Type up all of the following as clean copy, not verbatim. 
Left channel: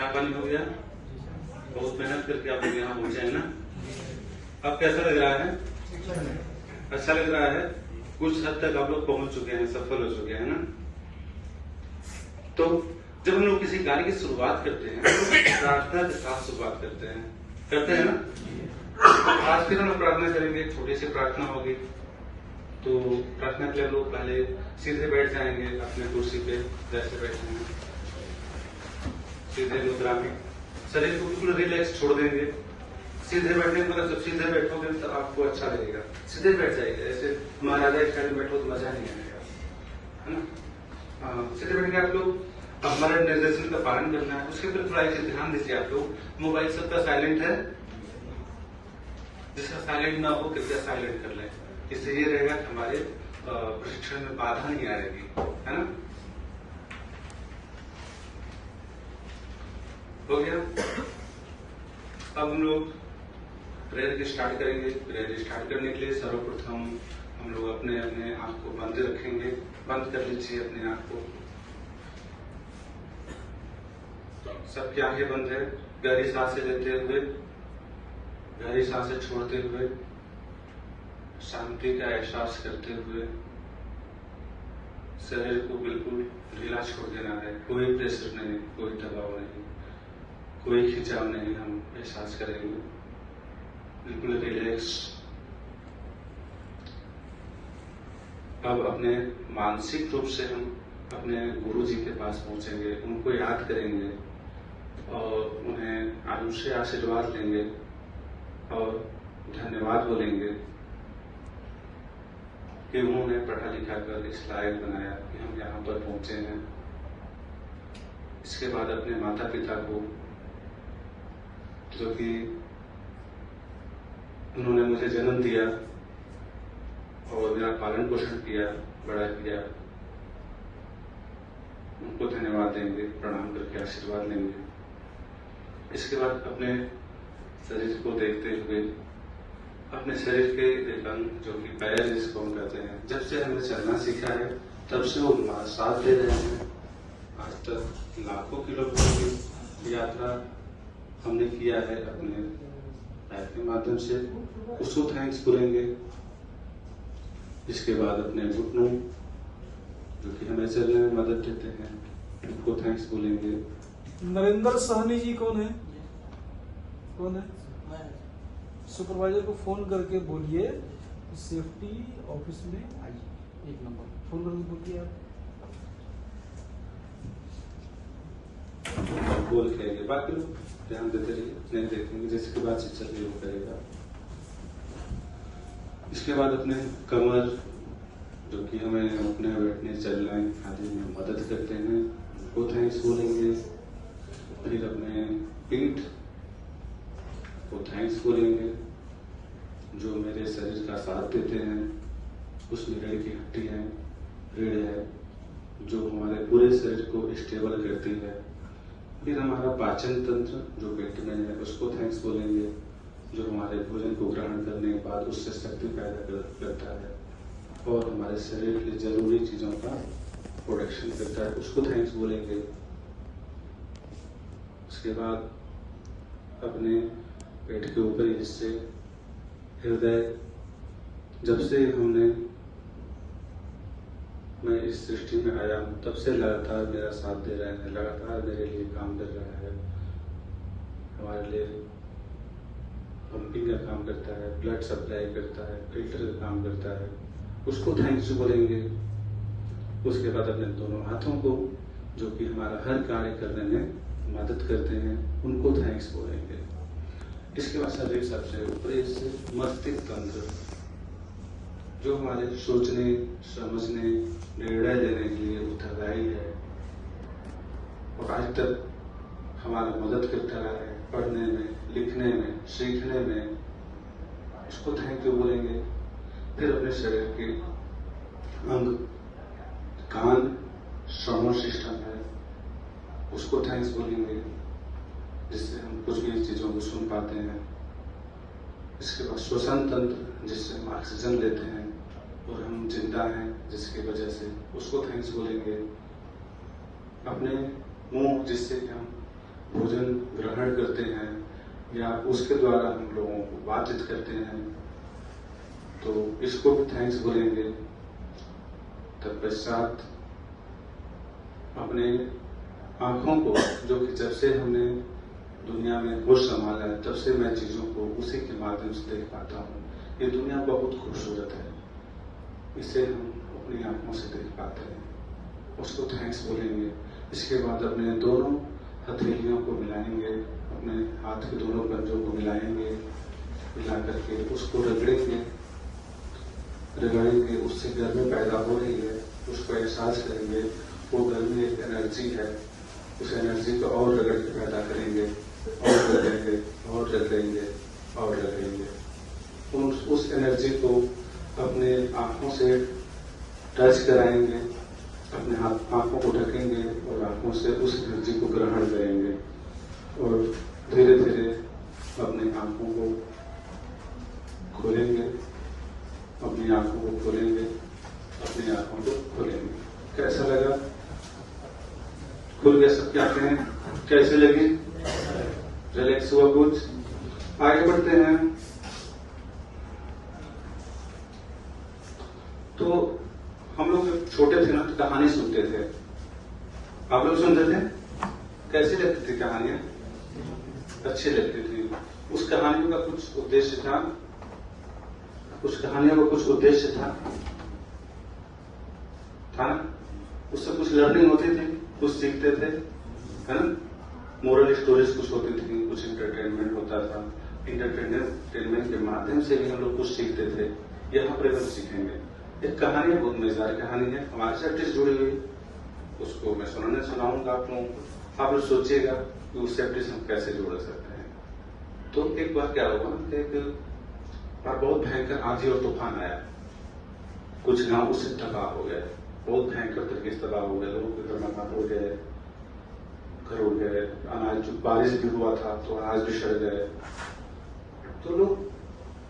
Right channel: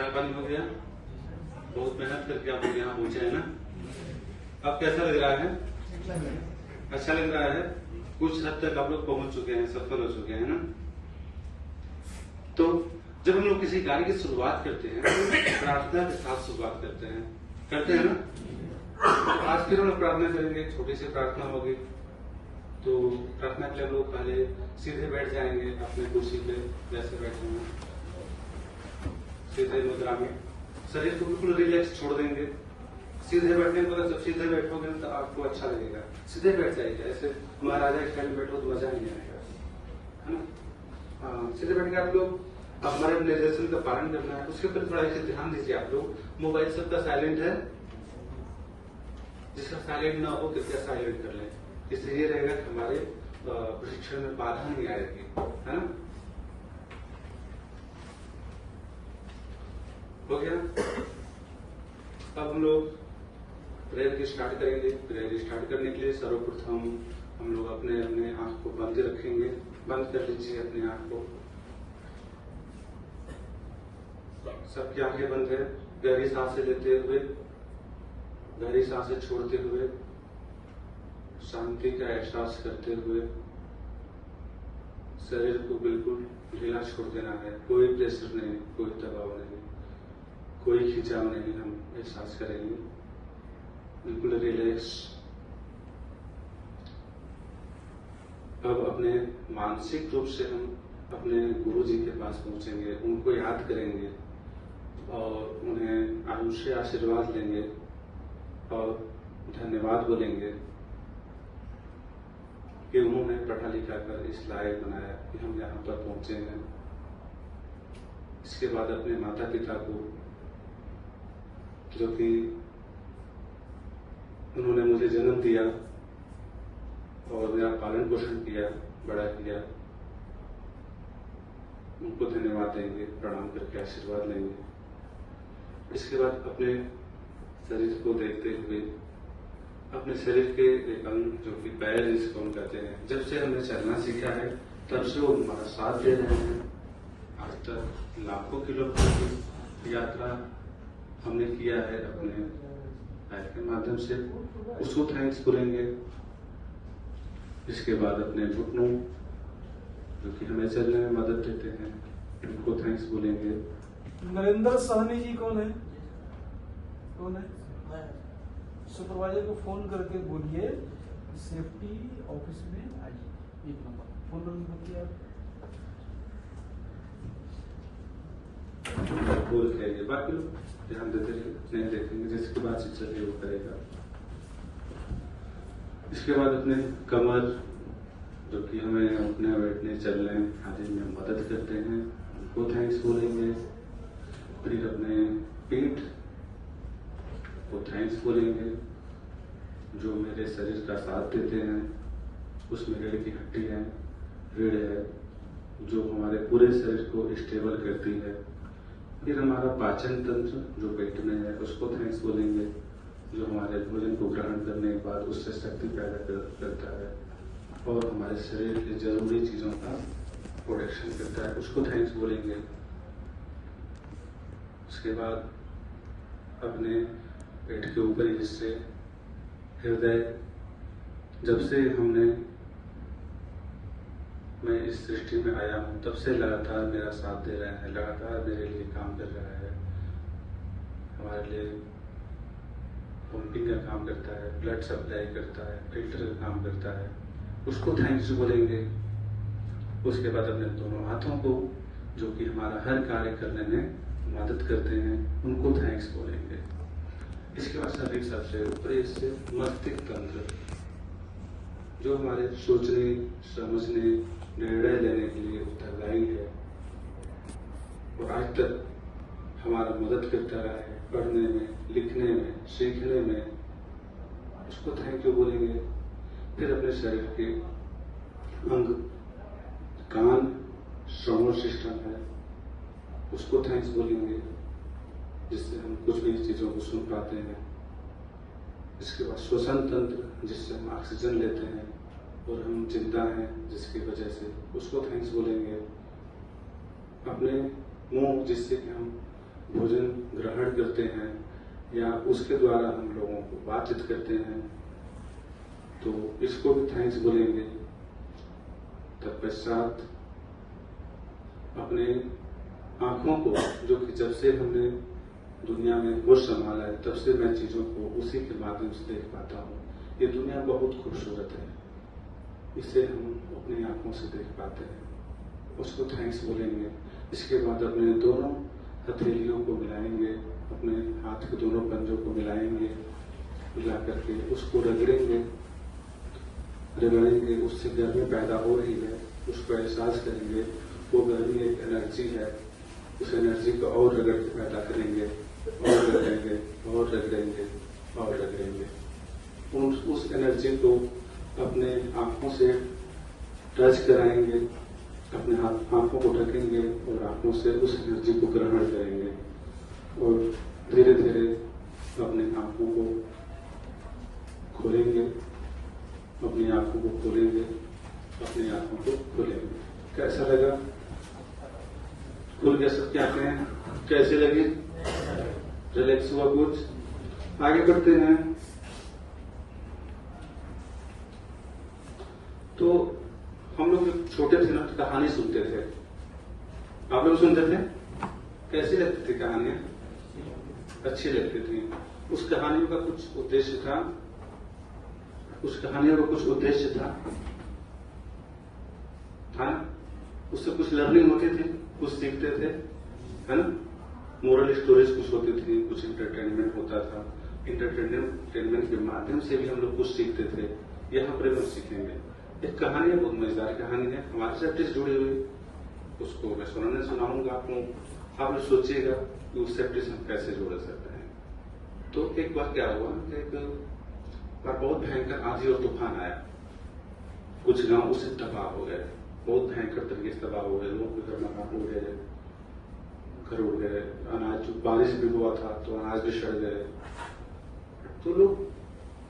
चाय पानी हो गया? बहुत मेहनत करके आप लोग यहाँ पहुंचे हैं ना। अब कैसा लग रहा है? अच्छा लग रहा है। कुछ हद तक आप लोग पहुंच चुके हैं, सफल हो चुके हैं ना। तो जब हम लोग किसी कार्य की शुरुआत करते हैं तो प्रार्थना के साथ शुरुआत करते हैं ना। आज फिर हम लोग प्रार्थना करेंगे, छोटी सी प्रार्थना होगी। तो प्रार्थना के लिए हम लोग पहले सीधे बैठ जाएंगे अपने कुर्सी पे, जैसे बैठे हैं सीधे मुद्रा में, शरीर को बिल्कुल रिलैक्स छोड़ देंगे। सीधे बैठने पर जब सीधे बैठोगे तो आपको अच्छा लगेगा। सीधे बैठ जाएगा, ऐसे महाराजा स्टाइल में बैठो तो मजा नहीं आएगा, है ना। सीधे बैठ के आप लोग हमारे निर्देशन का पालन करना है। उसके ऊपर थोड़ा एक ध्यान दीजिए आप लोग। मोबाइल सबका साइलेंट है, जिसका साइलेंट ना हो कृपया साइलेंट कर लें। इससे ये रहेगा कि हमारे प्रशिक्षण में बाधा नहीं आएगी, है ना। हो गया। अब हम लोग प्रेयर की स्टार्ट करेंगे। प्रेयर स्टार्ट करने के लिए सर्वप्रथम हम लोग अपने अपने आंख को बंद रखेंगे। बंद कर लीजिए अपने आंख को। सबकी आंखें बंद है। गहरी सांसें लेते हुए, गहरी सांसें छोड़ते हुए, शांति का एहसास करते हुए शरीर को बिल्कुल ढीला छोड़ देना है। कोई प्रेशर नहीं, कोई दबाव नहीं, कोई खिंचाव नहीं। हम एहसास करेंगे बिल्कुल रिलैक्स। अब अपने मानसिक रूप से हम अपने गुरु जी के पास पहुंचेंगे, उनको याद करेंगे और उन्हें अनुशय आशीर्वाद लेंगे और धन्यवाद बोलेंगे कि उन्होंने पढ़ा लिखा कर इस लायक बनाया कि हम यहाँ पर पहुंचे हैं। इसके बाद अपने माता पिता को, जो कि उन्होंने मुझे जन्म दिया और मेरा पालन पोषण किया, बड़ा किया, उनको धन्यवाद देंगे, प्रणाम करके आशीर्वाद लेंगे। इसके बाद अपने शरीर को देखते हुए, अपने शरीर के एक अंग जो कि पैर जिसको हम कहते हैं, जब से हमने चलना सीखा है तब से वो हमारा साथ दे रहे हैं। आज तक लाखों किलोमीटर की यात्रा हमने किया है अपने पैर के माध्यम से, उसको थैंक्स बोलेंगे। इसके बाद अपने घुटनों जो कि हमें चलने में मदद देते हैं, उनको थैंक्स बोलेंगे। नरेंद्र साहनी जी कौन है? कौन है? सुपरवाइजर को फोन करके बोलिए सेफ्टी ऑफिस में आइए। 1 नंबर फोन करके बोलिए आप बोल के बाकी लोग ध्यान देते रहिए, नहीं देखेंगे। जिसके बाद शिक्षक भी वो करेगा। इसके बाद अपने कमर जो कि हमें अपने बैठने चलने आदि में मदद करते हैं, उनको थैंक्स बोलेंगे। फिर अपने पीठ को थैंक्स बोलेंगे, जो मेरे शरीर का साथ देते हैं। उसमें रीढ़ की हड्डी है, रीढ़ है जो हमारे पूरे शरीर को स्टेबल करती है। फिर हमारा पाचन तंत्र जो पेट में है, उसको थैंक्स बोलेंगे, जो हमारे भोजन को ग्रहण करने के बाद उससे शक्ति पैदा करता है और हमारे शरीर की जरूरी चीजों का प्रोटेक्शन करता है, उसको थैंक्स बोलेंगे। उसके बाद अपने पेट के ऊपरी हिस्से हृदय, जब से मैं इस सृष्टि में आया हूँ तब से लगातार मेरा साथ दे रहा है, लगातार मेरे लिए काम कर रहा है, हमारे लिए पंपिंग का काम करता है, ब्लड सप्लाई करता है, फिल्टर का काम करता है, उसको थैंक्स बोलेंगे। उसके बाद अपने दोनों हाथों को जो कि हमारा हर कार्य करने में मदद करते हैं, उनको थैंक्स बोलेंगे। इसके बाद शरीर सबसे ऊपरी से मस्तिष्क तंत्र जो हमारे सोचने, समझने, निर्णय लेने के लिए उत्तरदायी है और आज तक हमारा मदद करता रहा है पढ़ने में, लिखने में, सीखने में, इसको थैंक यू बोलेंगे। फिर अपने शरीर के अंग कान, श्रवण सिस्टम है, उसको थैंक्स बोलेंगे, जिससे हम कुछ भी चीजों को सुन पाते हैं। इसके बाद श्वसन तंत्र जिससे हम ऑक्सीजन लेते हैं और हम जिंदा हैं जिसकी वजह से, उसको थैंक्स बोलेंगे। अपने मुंह जिससे कि हम भोजन ग्रहण करते हैं या उसके द्वारा हम लोगों को बातचीत करते हैं, तो इसको भी थैंक्स बोलेंगे। तत्पश्चात अपने आंखों को, जो कि जब से हमने दुनिया में होश संभाला है तब से मैं चीजों को उसी के माध्यम से देख पाता हूँ। ये दुनिया बहुत खूबसूरत है, इसे हम अपनी आंखों से देख पाते हैं, उसको थैंक्स बोलेंगे। इसके बाद अपने दोनों हथेलियों को मिलाएंगे, अपने हाथ के दोनों पंजों को मिलाएंगे, मिला करके उसको रगड़ेंगे, उससे गर्मी पैदा हो रही है, उसको एहसास करेंगे। वो गर्मी एक एनर्जी है, उस एनर्जी को और रगड़ के पैदा करेंगे, और रगड़ेंगे और रगड़ेंगे और रगड़ेंगे। उस एनर्जी को अपने आंखों से टच कराएंगे, अपने आंखों को ढकेंगे और आंखों से उस एनर्जी को ग्रहण करेंगे और धीरे धीरे अपने आंखों को खोलेंगे, अपनी आंखों को खोलेंगे, अपनी आंखों को खोलेंगे। कैसा लगा? खुल गया सब? क्या कहें, कैसे लगी? रिलैक्स हुआ कुछ? आगे बढ़ते हैं। तो हम लोग जब छोटे थे ना तो कहानी सुनते थे। आप लोग सुनते थे? कैसी लगती थी कहानियां? अच्छी लगती थी। उस कहानी का कुछ उद्देश्य था, कुछ कहानियों का कुछ उद्देश्य था ना? उससे कुछ लर्निंग होती थी, कुछ सीखते थे, है ना? मोरल स्टोरीज कुछ होती थी, कुछ इंटरटेनमेंट होता था। इंटरटेनमेंट के माध्यम से भी हम लोग कुछ सीखते थे। यहाँ पर हम सीखेंगे। एक कहानी है, बहुत मजेदार कहानी है, हमारे से प्रैक्टिस जुड़ी हुई, उसको मैं सुनाऊंगा आप लोग सोचिएगा कि उस प्रैक्टिस हम कैसे जोड़ सकते हैं। तो एक बार क्या हुआ ना, एक बार बहुत भयंकर आंधी और तूफान आया, कुछ गांव उससे तबाह हो गए, बहुत भयंकर तरीके से तबाह हो गए, लोगों के घर मकान उड़ गए, घर उड़ गए, अनाज, जो बारिश भी हुआ था तो अनाज भी सड़ गए। तो लोग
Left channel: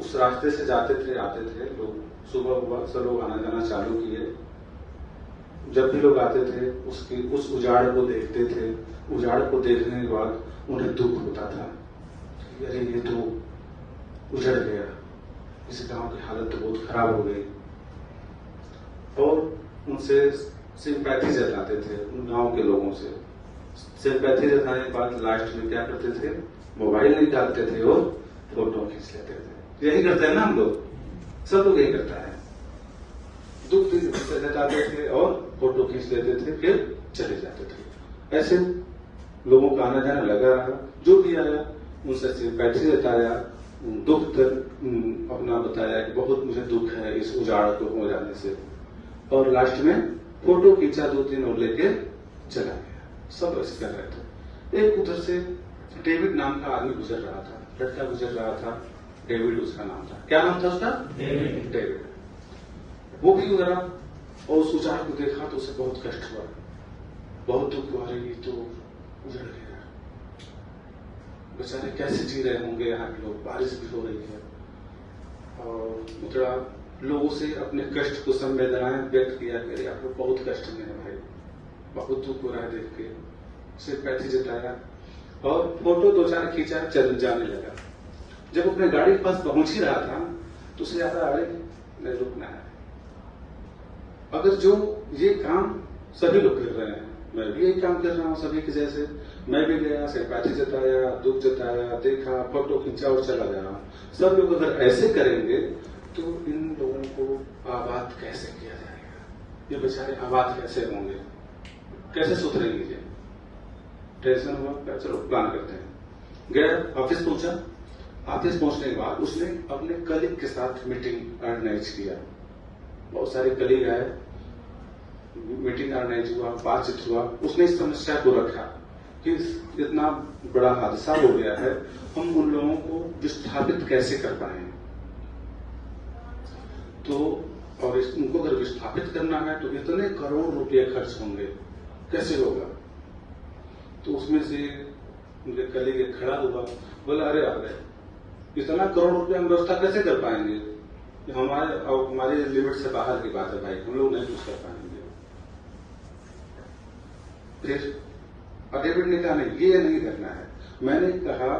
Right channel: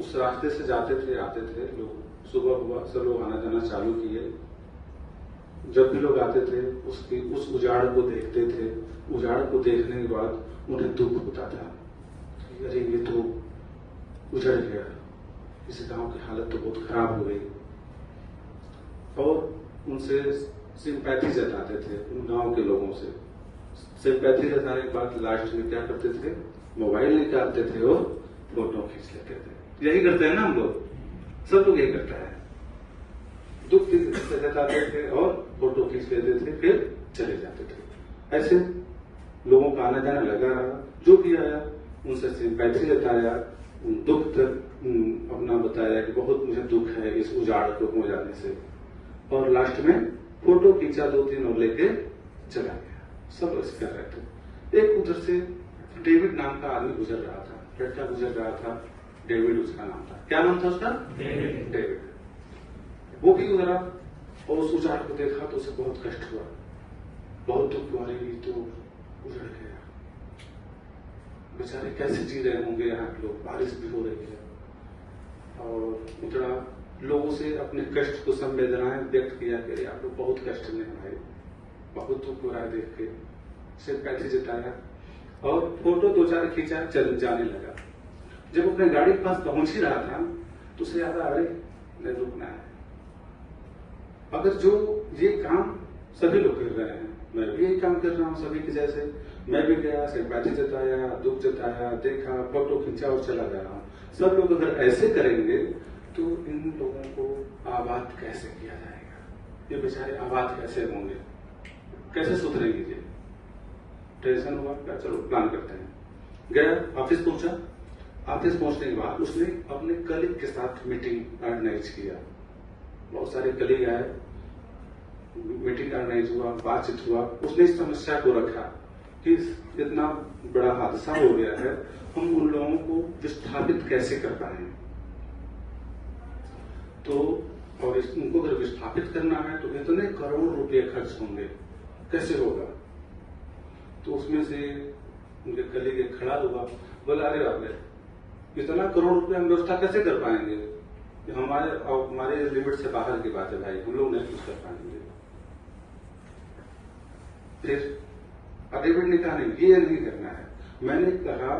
उस रास्ते से जाते थे, आते थे, लोग सुबह हुआ सब लोग आना जाना चालू किए। जब भी लोग आते थे उस उजाड़ को देखते थे, उजाड़ को देखने के बाद उन्हें दुख होता था, अरे ये तो उजड़ गया, इस गांव की हालत तो बहुत खराब हो गई। और उनसे सिंपैथी जताते थे, उन गांव के लोगों से सिंपैथी जताने के बाद लास्ट में क्या करते थे, मोबाइल निकालते थे और फोटो खींच लेते थे। यही करते हैं ना हम लोग, सब लोग यही करता है, दुख जताते थे और फोटो खींच लेते थे, फिर चले जाते थे। ऐसे लोगों का आना जाना लगा रहा, जो भी आया उनसे सिंपैथी जताया, दुख अपना बताया कि बहुत मुझे दुख है इस उजाड़ को हो जाने से, और लास्ट में फोटो खींचा 2-3 और लेके चला गया। सब ऐसे कर रहे थे। एक उधर से डेविड नाम का आदमी गुजर रहा था, लड़का गुजर रहा था, डेविड उसका नाम था। क्या नाम था उसका? डेविड। वो भी उधर और उस उजाड़ को देखा तो उसे बहुत कष्ट हुआ, बहुत दुख हुआ, ये तो उजड़ गया, बेचारे कैसे जी रहे होंगे यहाँ के लोग, बारिश भी हो रही है। और उजड़ा लोगों से अपने कष्ट को संवेदनाएं व्यक्त किया कि आपको बहुत कष्ट में है भाई, बहुत दुख हो रहा है देख के, सिंपैथी जताया और फोटो 2-4 खींचा, चल जाने लगा। जब अपने गाड़ी के पास पहुंच ही रहा था तो उसे याद आया, अरे नहीं रुकना है। अगर जो ये काम सभी लोग कर रहे हैं, मैं भी यही काम कर रहा हूँ सभी के जैसे, मैं भी गया, सिंपैथी जताया, दुख जताया, देखा, फोटो खींचा और चला गया। सब लोग अगर ऐसे करेंगे तो इन लोगों को आबाद कैसे किया जाएगा, ये बेचारे आबाद कैसे होंगे, कैसे सुधरेंगे ये? टेंशन हुआ, चलो प्लान करते हैं। गया, ऑफिस पहुंचा, ऑफिस पहुंचने के बाद उसने अपने कलीग के साथ मीटिंग ऑर्गेनाइज किया। बहुत सारे कलीग आए, मीटिंग ऑर्गेनाइज हुआ, बातचीत हुआ। उसने इस समस्या को रखा कि इतना बड़ा हादसा हो गया है, हम उन लोगों को विस्थापित कैसे कर पाए। तो और उनको अगर विस्थापित करना है तो इतने करोड़ रुपए खर्च होंगे, कैसे होगा? तो उसमें से उनके कलीग खड़ा हुआ, बोला, अरे अरे इतना करोड़ रुपए हम व्यवस्था कैसे कर पाएंगे, हमारे लिमिट से बाहर की बात है भाई, हम लोग नहीं कुछ कर पाएंगे। फिर और डेविड ने कहा नहीं, ये नहीं करना है। मैंने कहा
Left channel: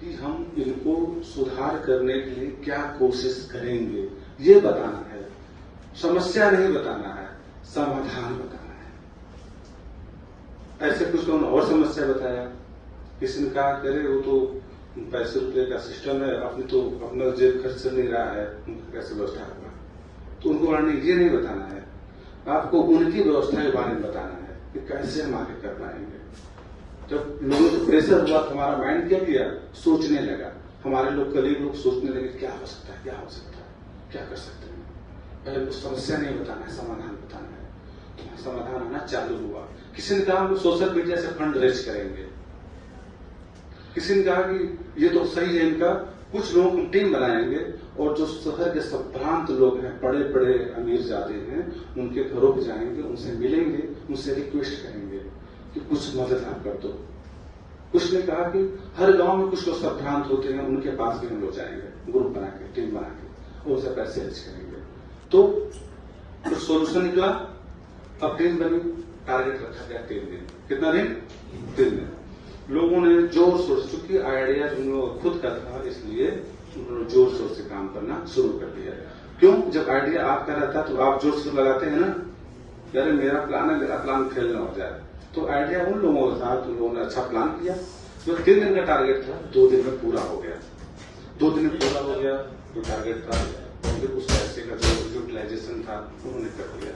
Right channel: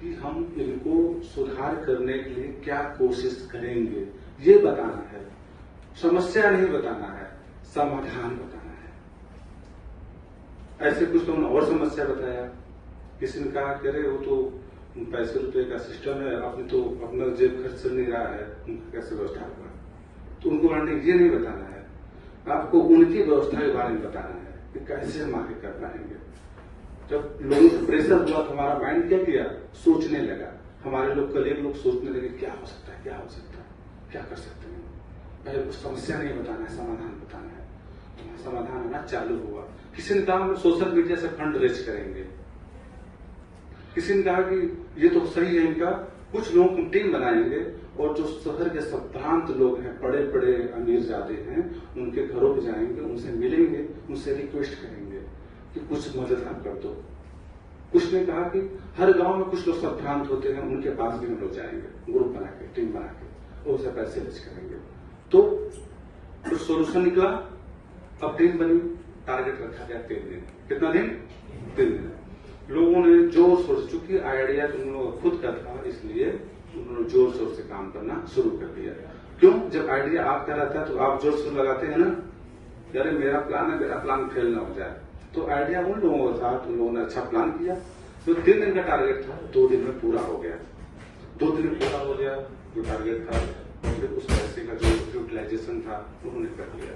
कि हम इनको सुधार करने के लिए क्या कोशिश करेंगे, ये बताना है। समस्या नहीं बताना है, समाधान बताना है। ऐसे कुछ लोगों ने और समस्या बताया। किसी ने कहा कि अरे वो तो पैसे रुपए का सिस्टम है, अपनी तो अपना जेब खर्च नहीं रहा है, उनका कैसे व्यवस्था होगा। तो उनको बारे में ये नहीं बताना है, आपको उनकी व्यवस्था के बारे में बताना है कि कैसे हम आगे कर पाएंगे। जब लोगों को प्रेशर हुआ तो हमारा माइंड क्या किया, सोचने लगा। हमारे लोग कलीग लोग सोचने लगे क्या हो सकता है, क्या हो सकता है, क्या कर सकते हैं। पहले तो समस्या नहीं बताना है, समाधान बताना है। तो समाधान आना चालू हुआ। किसी ने कहा हम सोशल मीडिया से फंड रेज करेंगे। किसी ने कहा कि ये तो सही है इनका, कुछ लोगों की टीम बनाएंगे और जो शहर के संभ्रांत लोग हैं, बड़े बड़े अमीर जाते हैं, उनके घरों पे जाएंगे, उनसे मिलेंगे, उनसे रिक्वेस्ट करेंगे कि कुछ मदद आप कर दो। कुछ ने कहा कि हर गांव में कुछ लोग संभ्रांत होते हैं, उनके पास भी हम लोग जाएंगे, ग्रुप बना के, टीम बना के, उनसे पैसे रेज करेंगे। तो कुछ सोल्यूशन निकला। अब टीम बनी, टारगेट रखा गया 3 दिन। कितना दिन? 3 दिन। लोगों ने जोर शोर से, चूंकि आइडिया उन लोगों का खुद का था, इसलिए उन्होंने जोर शोर से काम करना शुरू कर दिया। क्यों? जब आइडिया आपका रहता है तो आप जोर शोर लगाते हैं ना, यार मेरा प्लान है, मेरा प्लान फेल ना हो जाए। तो आइडिया उन लोगों का था, तो उन लोगों ने अच्छा प्लान किया। जो 3 दिन का टारगेट था, 2 दिन में पूरा हो गया। 2 दिन में पूरा हो गया जो टारगेट था। उस पैसे का जो यूटिलाइजेशन था उन्होंने कर दिया।